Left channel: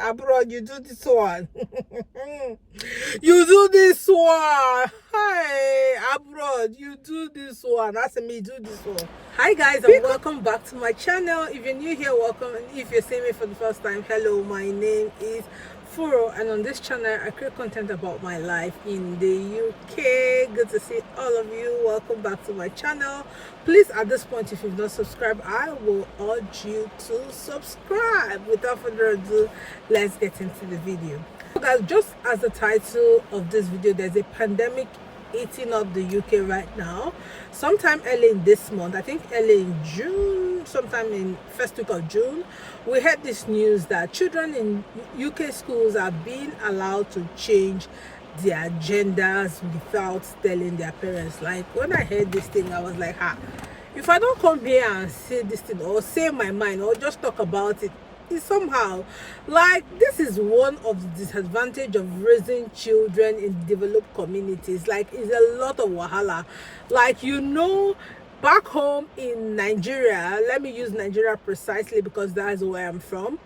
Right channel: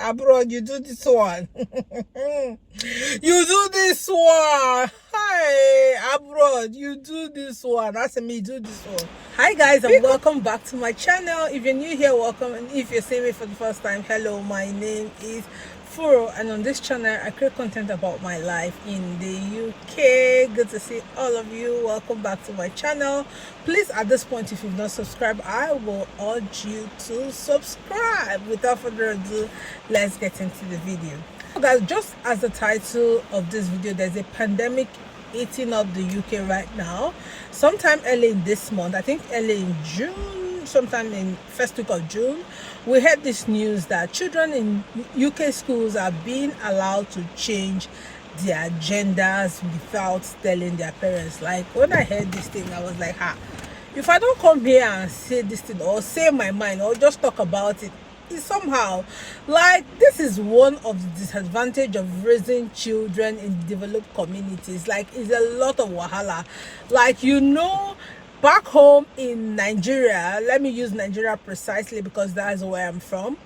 Abroad, you do this one. You do this one. Hi, abroad, you do this one. That's me, do this one. Hi guys, and welcome back to my channel. If you're new here, welcome, and if you're seeing me for the first time, hello, my name is Furo, and on this channel I create content about my life in the UK. Good to see all of you. Welcome back to my channel. Please, at this point, if you've not subscribed, I will urge you to subscribe. Without further ado, let's get into the video. So guys, just as the title of this video, there's a pandemic eating up the UK right now. Sometime early in this month, I think early in June, sometime in first week of June, we heard this news that children in UK schools are being allowed to change their genders without telling their parents. Like, when I heard this thing, I was like, if I don't come here and say this thing or say my mind or just talk about it, it's somehow like, this is one of the disadvantage of raising children in developed communities. Like, it's a lot of wahala. Like, you know, back home in Nigeria, let me use Nigeria precisely because that's where I'm from.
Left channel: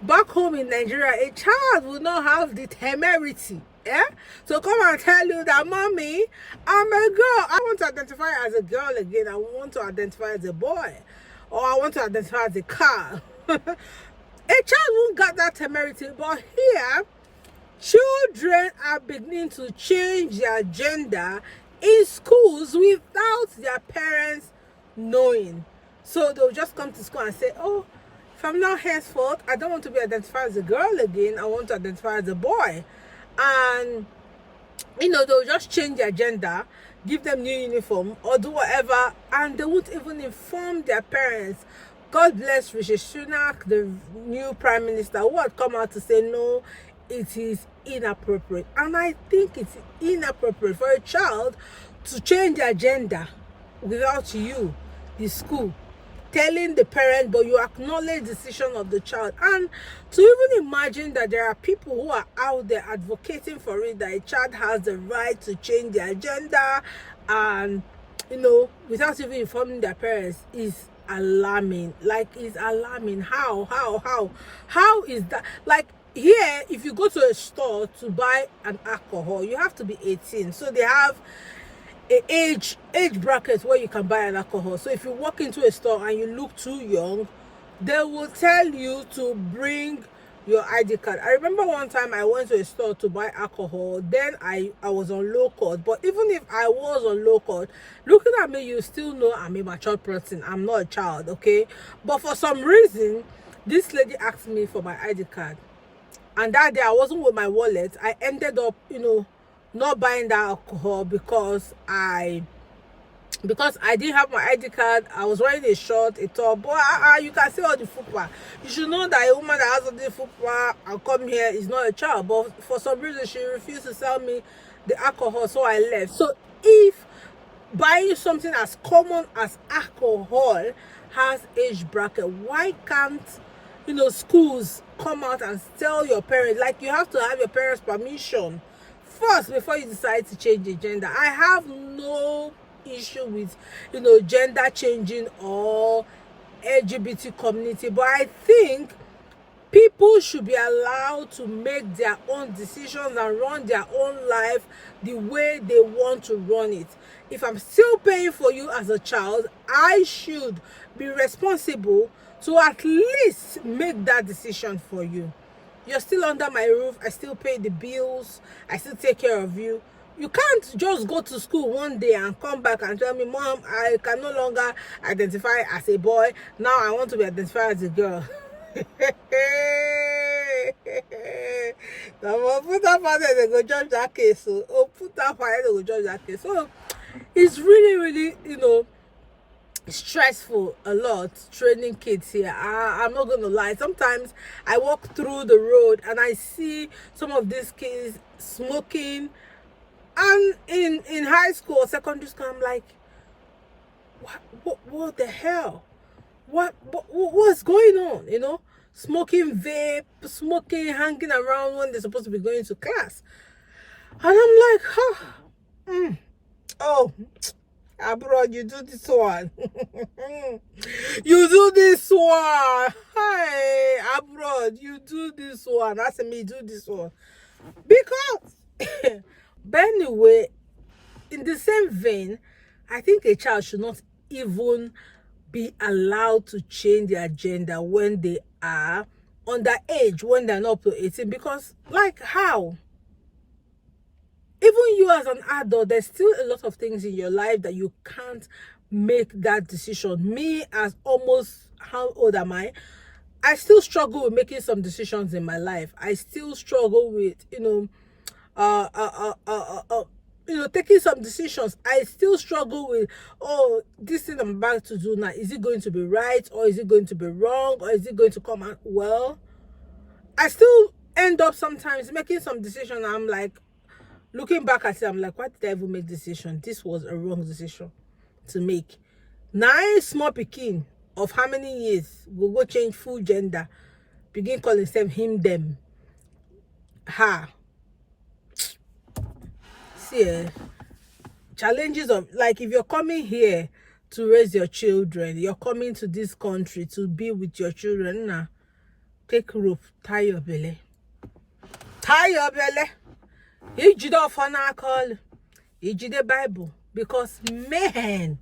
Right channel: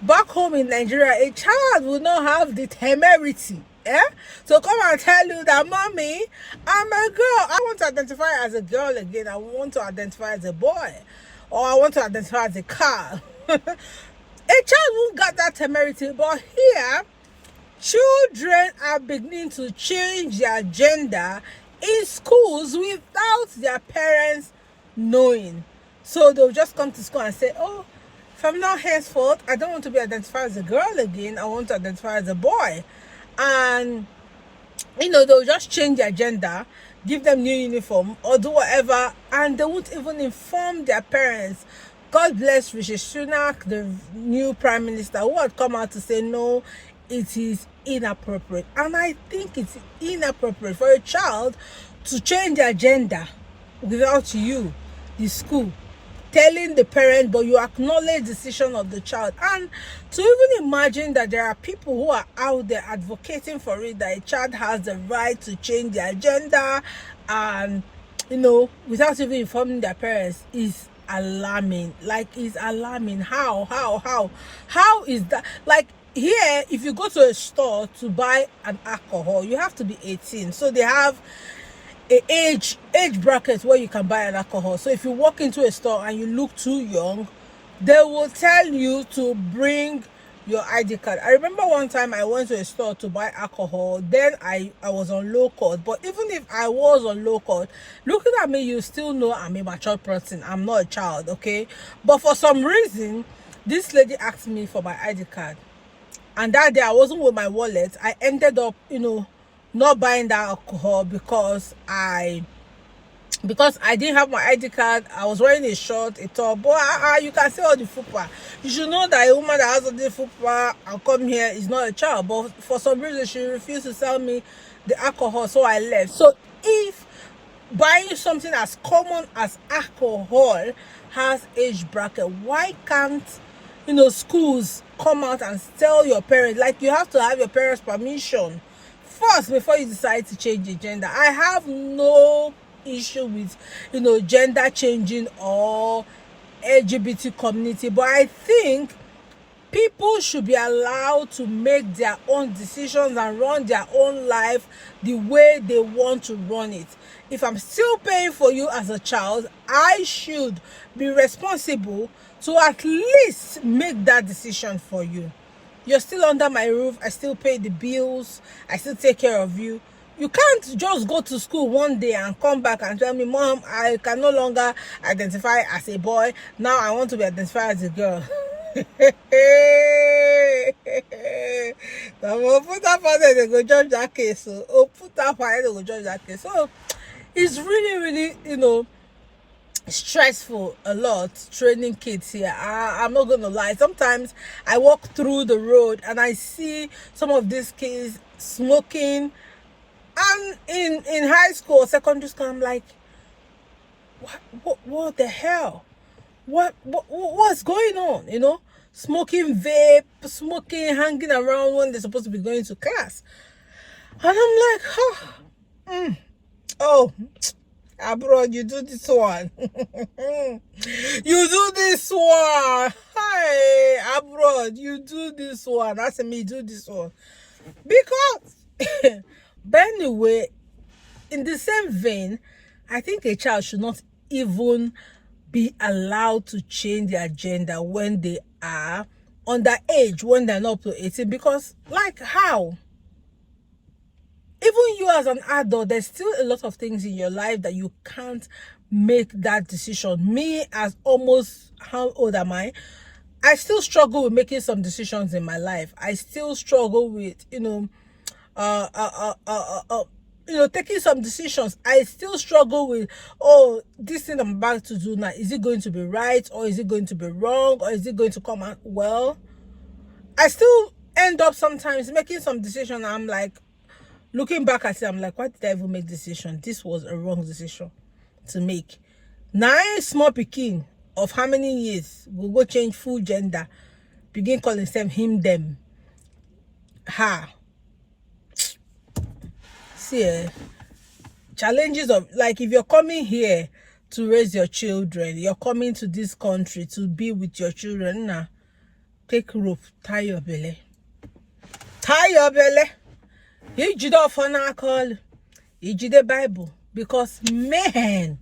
Back home in Nigeria, a child will not have the temerity to come and tell you that, mommy, I'm a girl, I want to identify as a girl again, I want to identify as a boy, or I want to identify as a car. A child won't get that temerity. But here, children are beginning to change their gender in schools without their parents knowing. So they'll just come to school and say, oh, from now henceforth, I don't want to be identified as a girl again, I want to identify as a boy. And you know, they'll just change their gender, give them new uniform or do whatever, and they won't even inform their parents. God bless Rishi Sunak, the new prime minister, who had come out to say no, it is inappropriate. And I think it's inappropriate for a child to change their gender without you, the school, telling the parent, but you acknowledge the decision of the child. And to even imagine that there are people who are out there advocating for it, that a child has the right to change their gender and, you know, without even informing their parents, is alarming. Like, it's alarming. How is that? Like, here, if you go to a store to buy an alcohol, you have to be 18. So they have a age bracket where you can buy an alcohol. So if you walk into a store and you look too young, they will tell you to bring your ID card. I remember one time I went to a store to buy alcohol. Then I was on low cost. But even if I was on low cost, looking at me, you still know I'm a mature person. I'm not a child, okay? But for some reason, this lady asked me for my ID card. And that day I wasn't with my wallet. I ended up, you know, not buying that alcohol because I didn't have my ID card. I was wearing a short, a top. But you can see all the fupa. You should know that a woman that has all the fupa and come here is not a child. But for some reason, she refused to sell me the alcohol, so I left. So if buying something as common as alcohol has age bracket, why can't, you know, schools come out and tell your parents? Like, you have to have your parents' permission first before you decide to change your gender. I have no issue with, you know, gender changing or LGBT community, but I think people should be allowed to make their own decisions and run their own life the way they want to run it. If I'm still paying for you as a child, I should be responsible to at least make that decision for you. You're still under my roof. I still pay the bills. I still take care of you. You can't just go to school one day and come back and tell me, Mom, I can no longer identify as a boy. Now I want to be identified as a girl. Now, put up there, they go judge that case. So, put up there, they go judge that case. So, it's really, you know, stressful a lot training kids here. I'm not gonna lie, sometimes I walk through the road and I see some of these kids smoking, and in high school or secondary school, I'm like, what the hell, what's going on, you know? Smoking vape, smoking, hanging around when they're supposed to be going to class. And I'm like, oh Abroad, you do this one. You do this one. Hi, abroad, you do this one. That's me, do this one. Because, but anyway, in the same vein, I think a child should not even be allowed to change their gender when they are underage, when they're not up to 18. Because, like, how? Even you as an adult, there's still a lot of things in your life that you can't make that decision. Me, as almost, how old am I? I still struggle with making some decisions in my life. I still struggle with, taking some decisions. I still struggle with, oh, this thing I'm about to do now, is it going to be right, or is it going to be wrong, or is it going to come out well? I still end up sometimes making some decision. I'm like, looking back at it, I'm like, why did I even make this decision? This was a wrong decision to make. 9 small pikin of how many years will go change full gender, begin calling themselves him, them, her. See, challenges of, like, if you're coming here to raise your children, you're coming to this country to be with your children, nah, take rope, tie your belly. Tie your belly. You did off on our call. You did the Bible. Because man,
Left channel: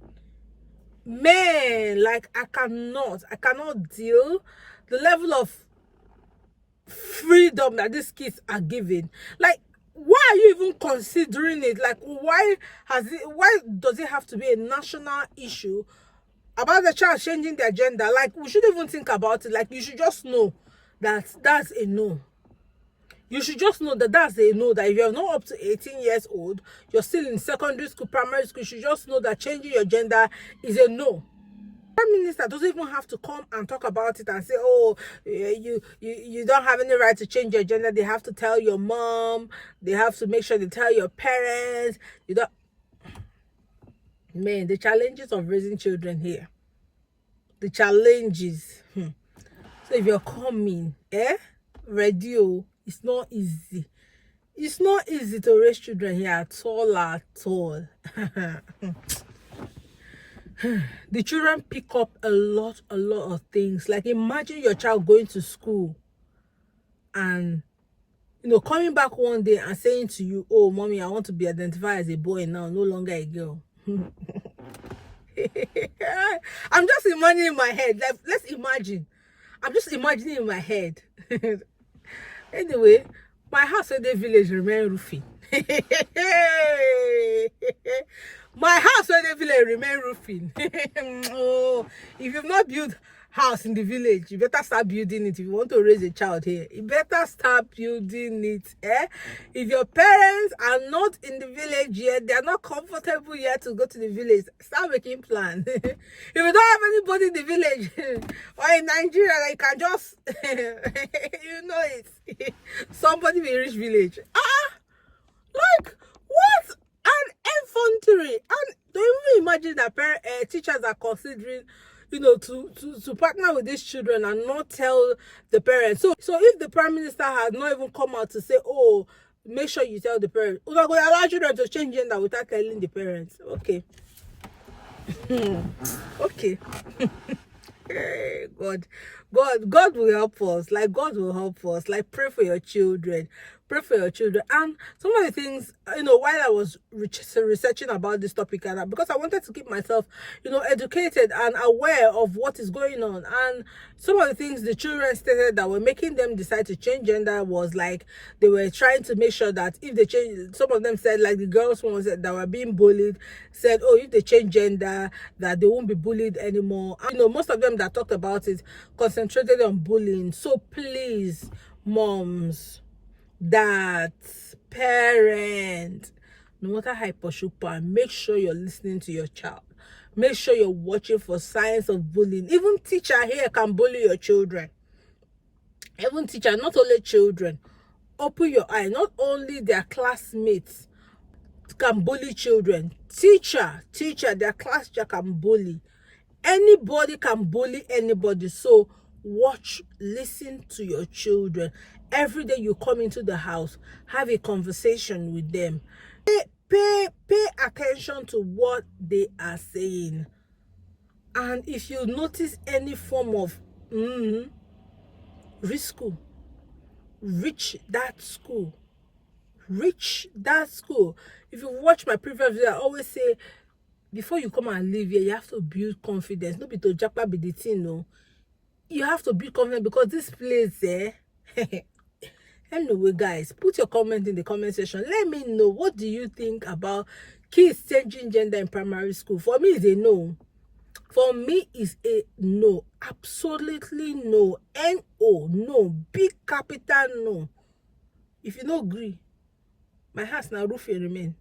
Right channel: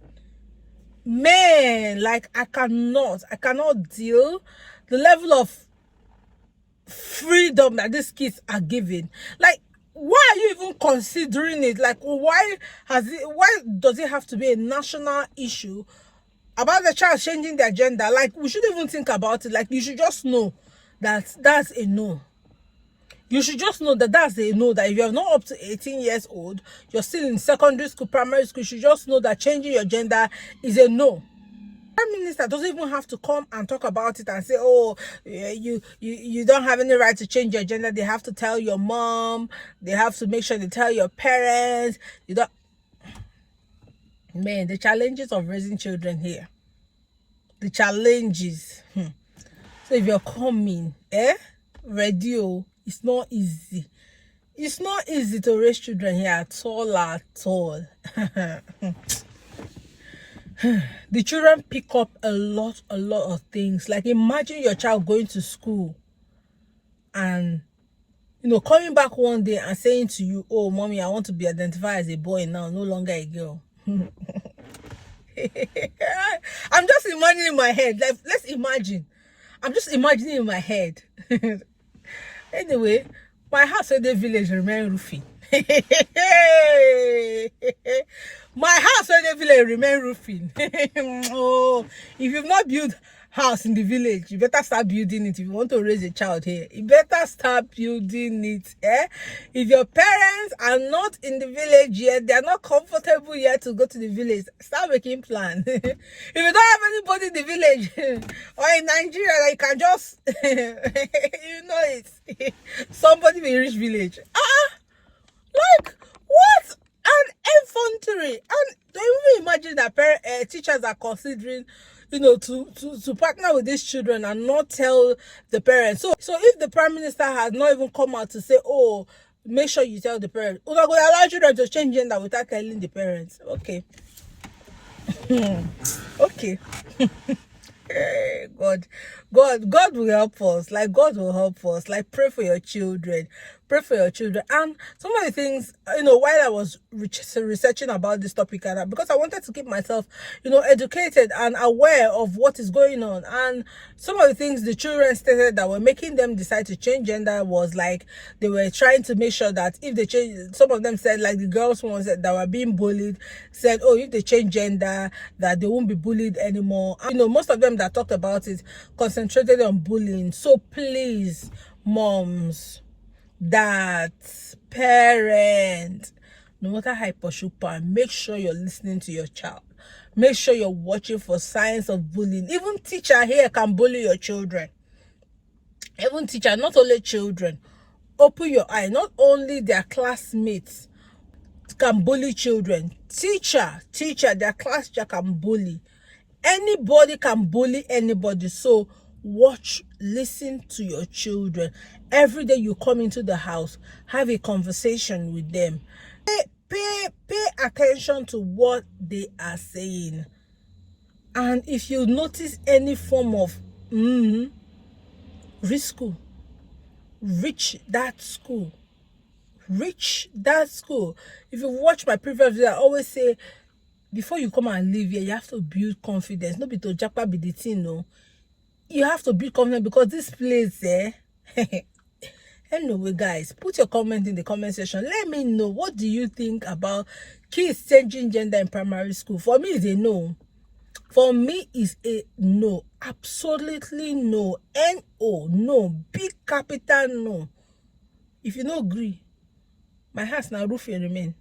like, I cannot deal the level of freedom that these kids are given. Like, why are you even considering it? Like, why does it have to be a national issue about the child changing their gender? Like, we shouldn't even think about it. Like, you should just know that that's a no. You should just know that that's a no, that if you're not up to 18 years old, you're still in secondary school, primary school, you should just know that changing your gender is a no. Prime Minister doesn't even have to come and talk about it and say, oh, you don't have any right to change your gender. They have to tell your mom. They have to make sure they tell your parents. You don't. Man, the challenges of raising children here. The challenges. So if you're coming, radio, it's not easy. It's not easy to raise children here at all. The children pick up a lot of things. Like, imagine your child going to school and, coming back one day and saying to you, oh, mommy, I want to be identified as a boy now, no longer a girl. I'm just imagining in my head. Like, let's imagine. I'm just imagining in my head. Anyway, my house in the village remain roofing. My house in the village remain roofing. Oh, if you've not built house in the village, you better start building it. If you want to raise a child here, you better start building it. If your parents are not in the village yet, they are not comfortable yet to go to the village, start making plans. If you don't have anybody in the village or in Nigeria, you can just it. Somebody will reach village. Like, what an infantry. And don't even imagine that teachers are considering, to partner with these children and not tell the parents. So if the Prime Minister has not even come out to say, oh, make sure you tell the parents, we're going to allow children to change gender without telling the parents. Okay. Okay. God will help us. Like, God will help us. Like, pray for your children. Pray for your children. And some of the things, while I was researching about this topic, and because I wanted to keep myself, educated and aware of what is going on. And some of the things the children stated that were making them decide to change gender was like, they were trying to make sure that if they change, some of them said, like the girls ones that were being bullied, said, oh, if they change gender, that they won't be bullied anymore. And, most of them that talked about it concentrated on bullying. So please, moms, dads, parents, no matter how super, make sure you're listening to your child. Make sure you're watching for signs of bullying. Even teacher here can bully your children. Even teacher, not only children. Open your eye. Not only their classmates can bully children. Teacher, their class teacher can bully. Anybody can bully anybody. So watch, listen to your children. Every day you come into the house, have a conversation with them. Pay attention to what they are saying. And if you notice any form of reach school, reach that school. If you watch my previous video, I always say, before you come and live here, you have to build confidence. Not be to jackpot be the thing, no. You have to build confidence, because this place, Anyway, guys, put your comment in the comment section. Let me know, what do you think about kids changing gender in primary school? For me, it's a no. For me, it's a no. Absolutely no. N-O. No. Big capital no. If you don't agree, my house now roof will remain.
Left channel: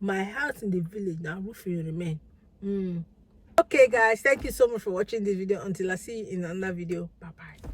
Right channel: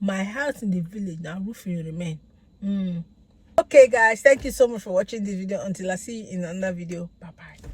My house in the village now roof will remain. Okay, guys, thank you so much for watching this video. Until I see you in another video. Bye-bye.